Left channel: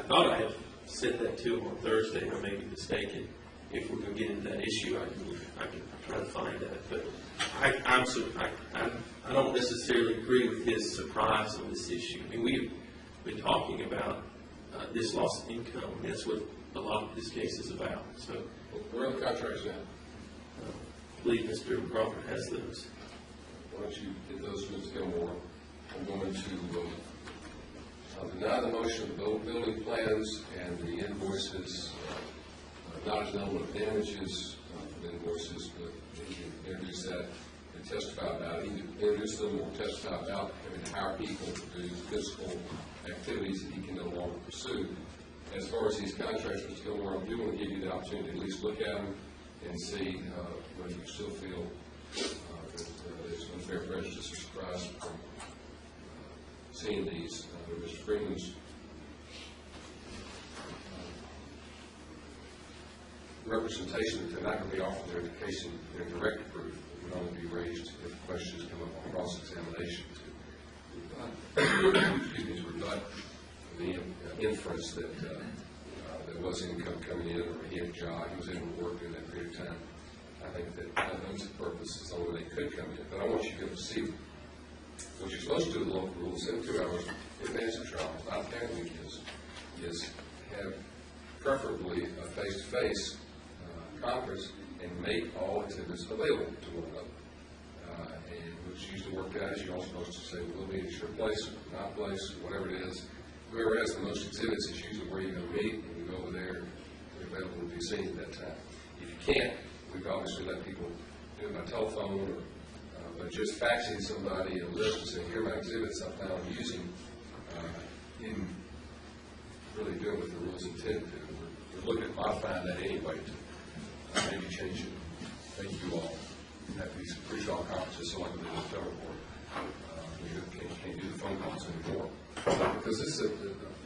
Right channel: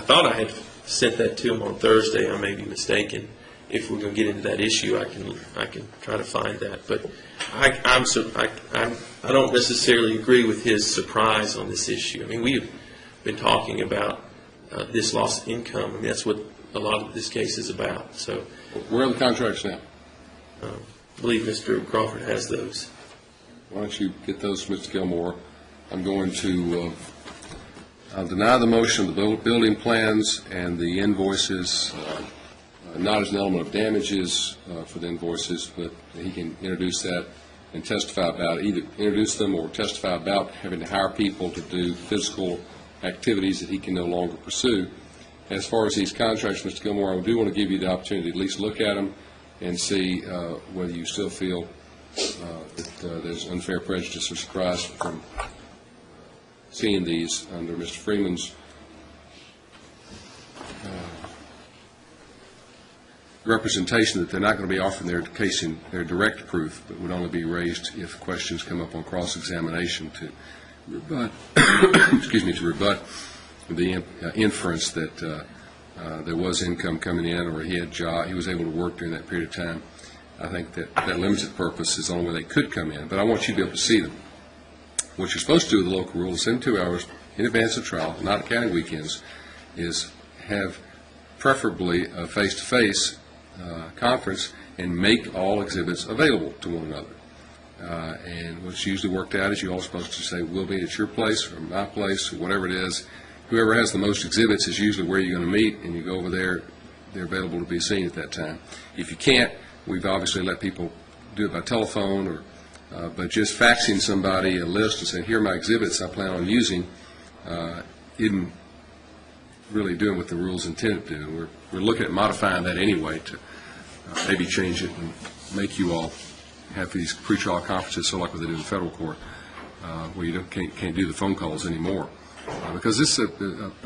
I thought I had sent that to him on Thursday. I may be mistaken. If we're going to get into that issue, I can try to find that. But I don't necessarily agree with his surprise on this issue. I mean, we've been talking about this loss of income, and that's what a lot of this case is about. So, where are the contracts now? I believe Mr. Crawford has those. Why don't you get those, Mr. Gilmore? I'm going to I'll deny the motion of the building plans and the invoices, not as an element of damages for the invoices, but he can introduce that and testify about it, either introduce them or testify about having to hire people to do physical activities that he can no longer pursue. As far as these contracts, Mr. Gilmore, I do want to give you the opportunity to at least look at them and see whether you still feel that there's unfair prejudice or surprise from seeing these under Mr. Freeman's representation that they're not going to be offering their case in their direct proof, but would only be raised if questions come up on cross-examination to rebut, excuse me, to rebut the inference that there was income coming in, or he was able to work during that period of time. I think that limited purpose is the only way they could come in, but I want you to be able to see them. What you're supposed to do with the local rule is 72 hours in advance of trial, not counting weekends, is have preferably a face-to-face conference and make all exhibits available to one another. And what's usually worked out is you're all supposed to say, we'll meet at your place or my place or whatever it is. Whoever has the most exhibits is usually where you're going to meet, and you go over there, they're available to be seen at that time. If you can't, we've obviously let people do it by telephone, or but just faxing somebody a list and saying, here are my exhibits I plan on using, isn't really doing what the rules intended to do. And we're looking at modifying that anyway to maybe change it and make you all have these pretrial conferences, so like what they do in the federal court, where you can't do the phone calls anymore. Because this is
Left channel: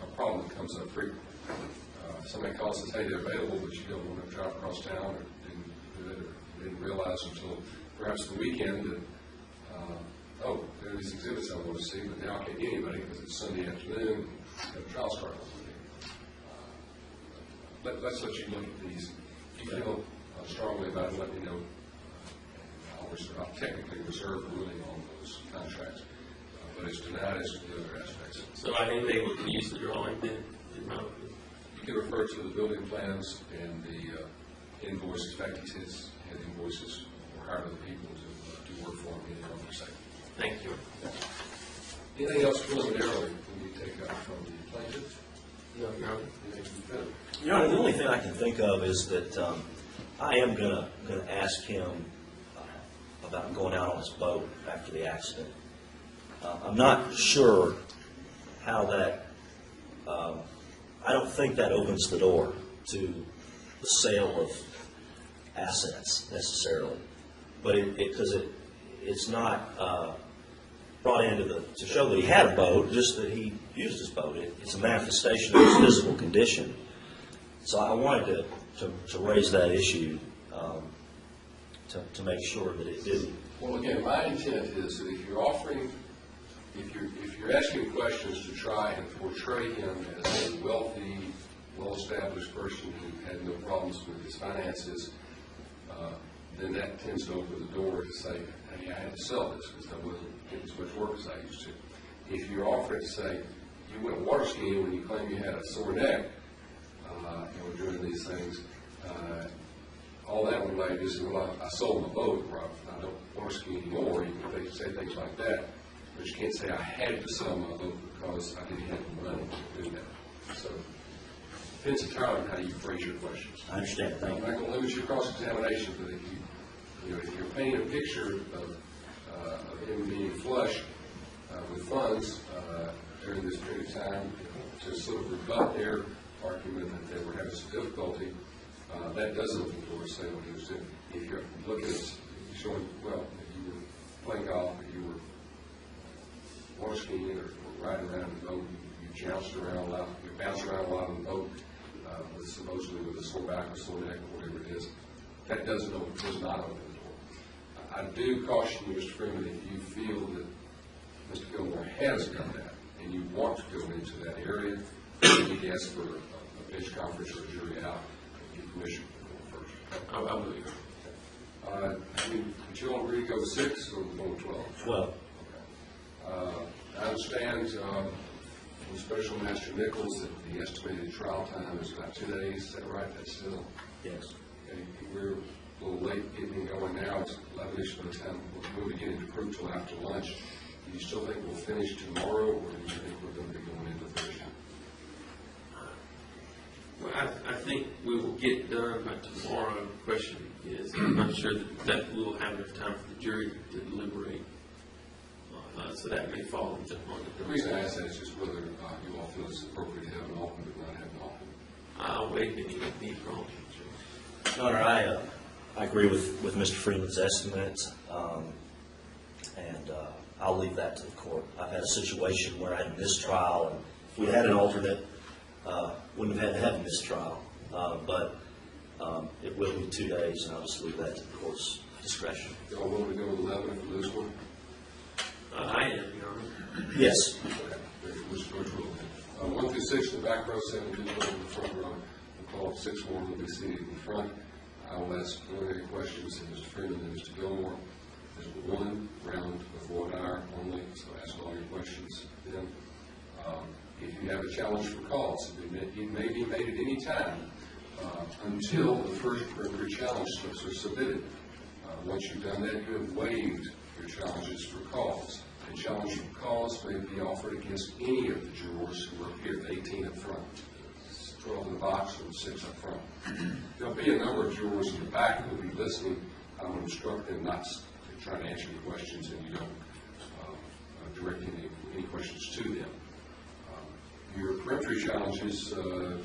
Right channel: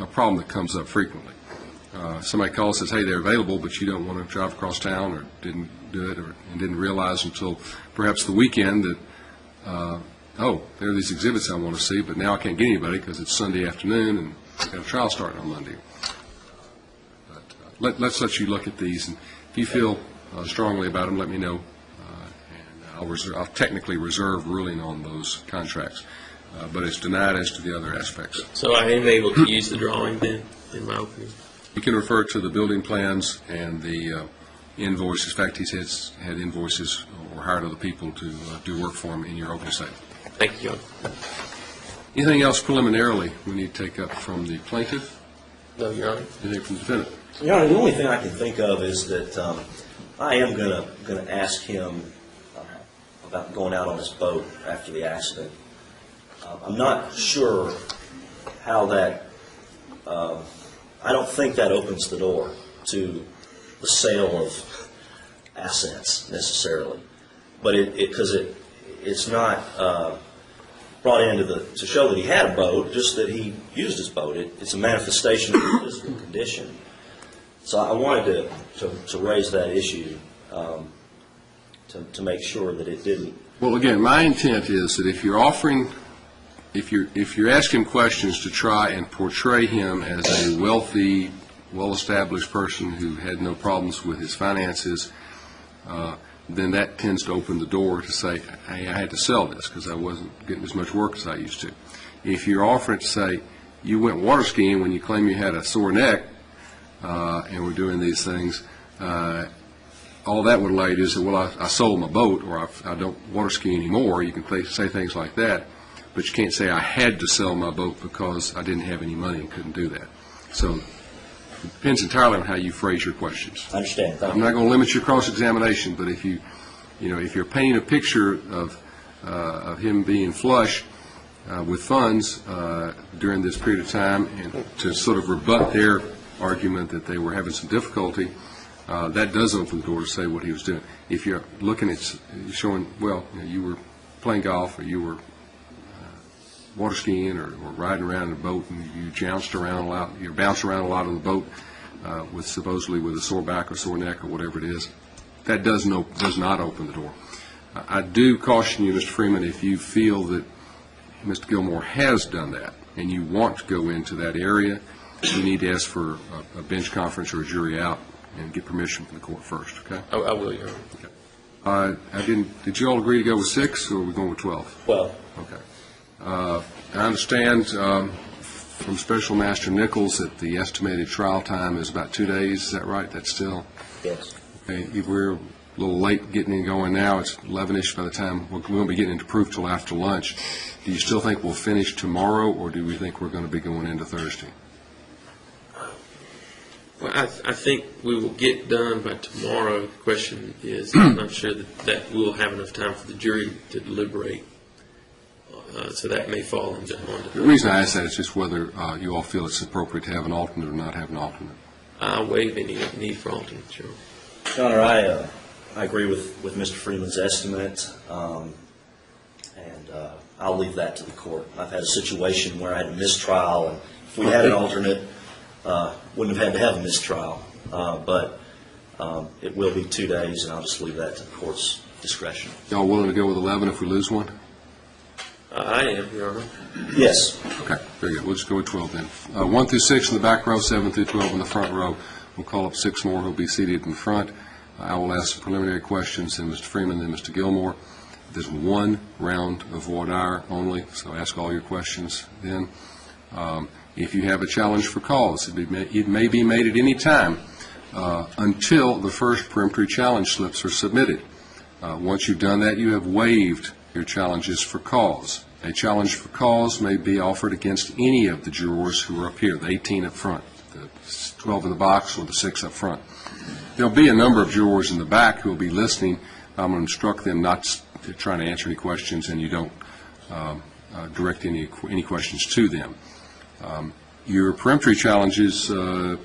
a problem that comes up frequently. Somebody calls and says, hey, they're available, but you don't want to drive across town, or didn't do it, and didn't realize until perhaps the weekend that, oh, there are these exhibits I want to see, but now I can't get anybody because it's Sunday afternoon and I've got a trial starting on Monday. But let's let you look at these, and if you feel strongly about them, let me know, and I'll technically reserve ruling on those contracts. But it's denied as to the other aspects. So I am able to use the drawing then in my opening? You can refer to the building plans and the invoices. In fact, he had invoices or hired other people to do work for him in your opening statement. Thank you, Your Honor. Anything else preliminarily we need to take up from the plaintiff? No, Your Honor. Anything from the defendant? Your Honor, the only thing I can think of is that I am going to ask him about going out on his boat after the accident. I'm not sure how that, I don't think that opens the door to the sale of assets necessarily. But because it's not brought into to show that he had a boat, just that he used his boat. It's a manifestation of his physical condition. So I wanted to raise that issue to make sure that it didn't. Well, again, my intent is that if you're offering, if you're asking questions to try and portray him as a wealthy, well-established person who had no problems with his finances, then that tends to open the door to say, hey, I had to sell this because I wasn't getting as much work as I used to. If you're offering to say, you went water skiing when you claim you had a sore neck and were doing these things, all that would allow you to say, well, I sold my boat, or I don't water ski anymore. You can say things like that. But you can't say I had to sell my boat because I didn't have any money and couldn't do that. So it depends entirely on how you phrase your questions. I understand. I'm not going to limit your cross-examination, but if if you're painting a picture of him being flush with funds during this period of time, and to sort of rebut their argument that they were having some difficulty, that does open the door to say what he was doing. If you're looking at showing, well, you were playing golf, or you were water skiing, or riding around in a boat, and you jounced around a lot, you bounced around a lot on the boat with supposedly with a sore back or sore neck or whatever it is, that does not open the door. I do caution you, Mr. Freeman, if you feel that Mr. Gilmore has done that and you want to go into that area, you need to ask for a bench conference or a jury out and get permission from the court first, okay? I will, Your Honor. Okay. Did you all agree to go with 6, or are we going with 12? 12. Okay. I understand from Special Master Nichols that the estimated trial time is about 2 days. Is that right? That's still? Yes. Okay. We're a little late getting it going now. It's 11-ish by the time we won't be getting into proof till after lunch. Do you still think we'll finish tomorrow, or do we think we're going to be going into Thursday? Well, I think we will get done by tomorrow. The question is, I'm not sure that we'll have enough time for the jury to deliberate. So that may fall into The reason I ask that is just whether you all feel it's appropriate to have an alternate or not have an alternate. I'll waive any need for alternate, Your Your Honor, I agree with Mr. Freeman's estimate, and I'll leave that to the court. I've had a situation where I had a mistrial, and if we had an alternate, wouldn't have had to have a mistrial. But it will be 2 days, and I'll just leave that to the court's discretion. Y'all willing to go with 11 if we lose one? I am, Your Honor. Yes. Okay, very good. We'll just go with 12 then. 1 through 6 in the back row, 7 through 12 in the front row. We'll call up 6 more who will be seated in front. I will ask preliminary questions, then Mr. Freeman, then Mr. Gilmore. There's 1 round of voir dire only, so ask all your questions then. If you have a challenge for cause, it may be made at any time until the first peremptory challenge slips are submitted. Once you've done that, you have waived your challenges for cause. A challenge for cause may be offered against any of the jurors who are up here, the 18 up front, the 12 in the box, or the 6 up front. There'll be a number of jurors in the back who will be listening. I'm going to instruct them not to try to answer any questions, and you don't direct any questions to them. Your peremptory challenges,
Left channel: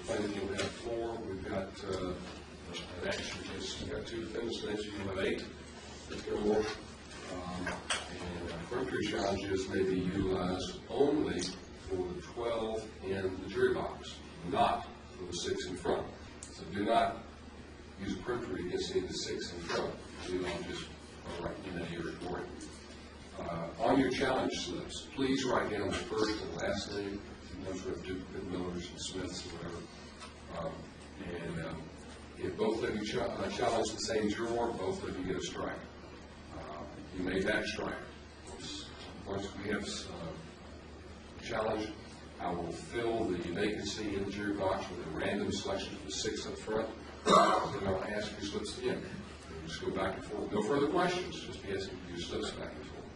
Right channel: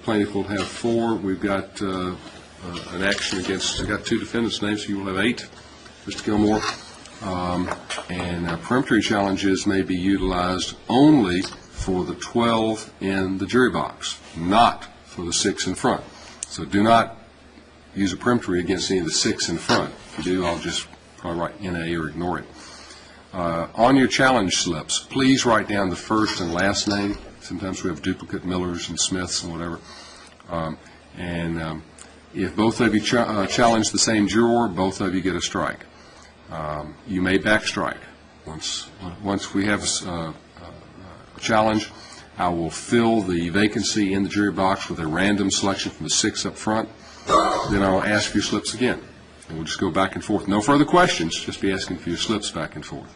plaintiff will have 4. We've got an action against, we've got 2 defendants' names, so you will have 8. Mr. Gilmore. And peremptory challenges may be utilized only for the 12 in the jury box, not for the 6 in front. So do not use a peremptory against any of the 6 in front. If you do, I'll just probably write NA or ignore it. On your challenge slips, please write down the first and last name. Sometimes we have duplicate Millers and Smiths and whatever. If both of you challenge the same juror, both of you get a strike. You may backstrike. Once we have a challenge, I will fill the vacancy in the jury box with a random selection from the 6 up front. Then I'll ask for your slips again. And we'll just go back and forth. No further questions, just be asking for your slips back and forth.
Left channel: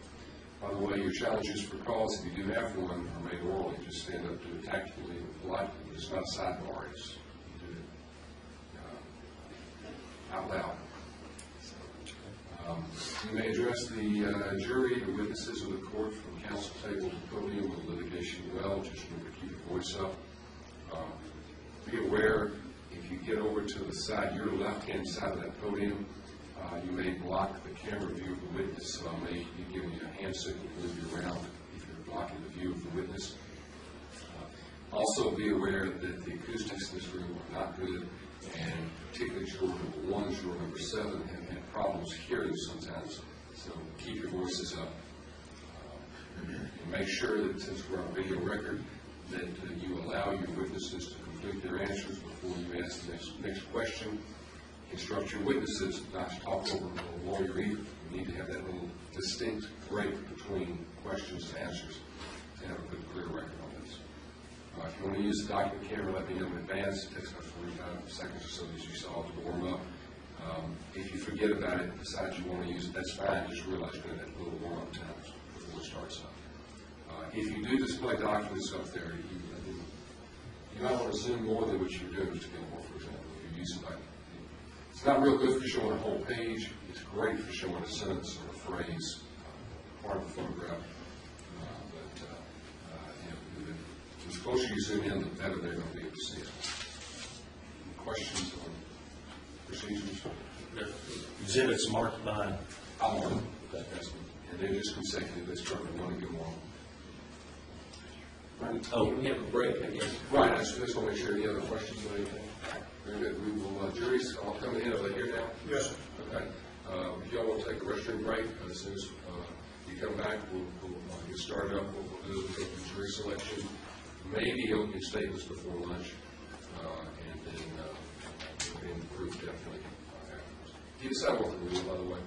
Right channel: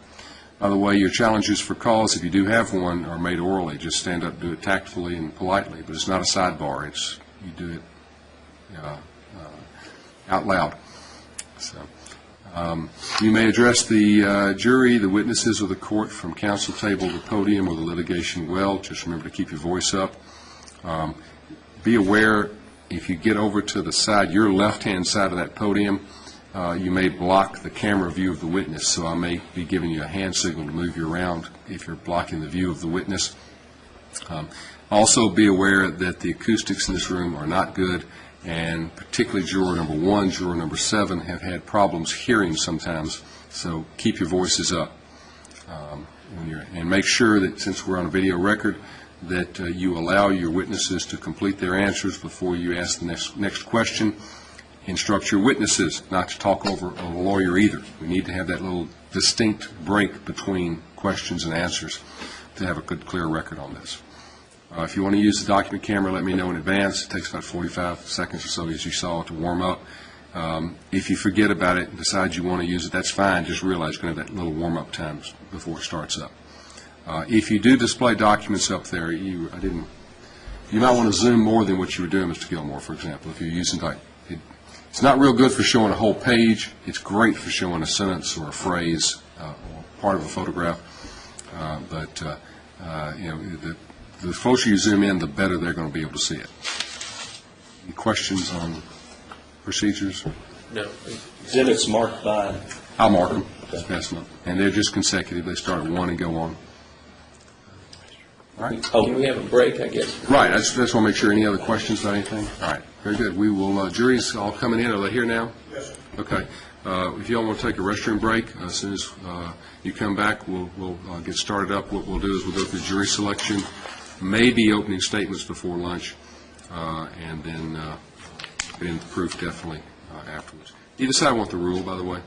By the way, your challenges for cause, if you do have one, are made orally. Just stand up, do it tactfully and politely, but it's not a sidebar. You do it out loud. So, you may address the jury, the witnesses, or the court from counsel table, the podium, or the litigation well. Just remember to keep your voice up. Be aware, if you get over to the side, your left-hand side of that podium, you may block the camera view of the witness, so I may be giving you a hand signal to move you around if you're blocking the view of the witness. Also be aware that the acoustics in this room are not good, and particularly juror number 1, juror number 7 have had problems hearing sometimes, so keep your voices up. And make sure that, since we're on a video record, that you allow your witnesses to complete their answers before you ask the next question. Instruct your witnesses not to talk over a lawyer either. We need to have that little distinct break between questions and answers to have a good, clear record on this. If you want to use the document camera, let me know in advance. It takes about 45 seconds or so, as you saw, to warm up. If you forget about it and decide you want to use it, that's fine. Just realize you're going to have that little warm-up time before it starts up. If you do display documents up there, you might want to zoom more than what you were doing, Mr. Gilmore, for example, if you're using it's not real good for showing a whole page. It's great for showing a sentence or a phrase or part of a photograph. The closer you zoom in, the better they're going to be able to see it. Any questions on procedures? No. Exhibits marked by? I'll mark them. Just pass them up. And they're just consecutive. They start at 1 and go on. All right. Can we have a break, I guess? Right. I just want to make sure. Any other questions about anything? All right. Very good. We will, jury's all coming in. Are they here now? Yes, sir. Okay. If you all want to take a restroom break, as soon as you come back, we'll get started up. What we'll do is we'll go through jury selection, maybe opening statements before lunch, and then get into the proof definitely afterwards. Do you decide want the rule, by the way?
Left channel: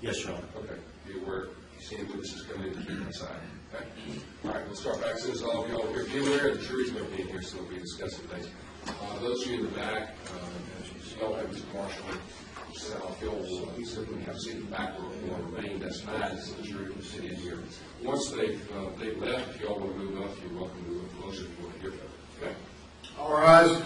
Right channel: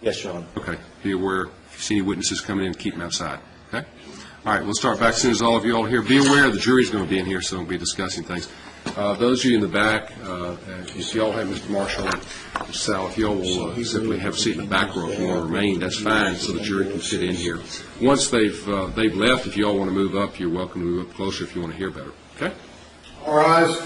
Yes, Your Honor. Okay. Be aware, if you see any witnesses coming in, keep them outside. Okay? All right, we'll start back as soon as all of you all are here. Be aware the jury's going to be in here, so we'll be discussing things. Those of you in the back, if you all have Mr. Marshall and Mr. Sal, if you all will simply have a seat in the back row if you want to remain, that's fine, so the jury can sit in here. Once they've left, if you all want to move up, you're welcome to move up closer if you want to hear better. Okay? All rise.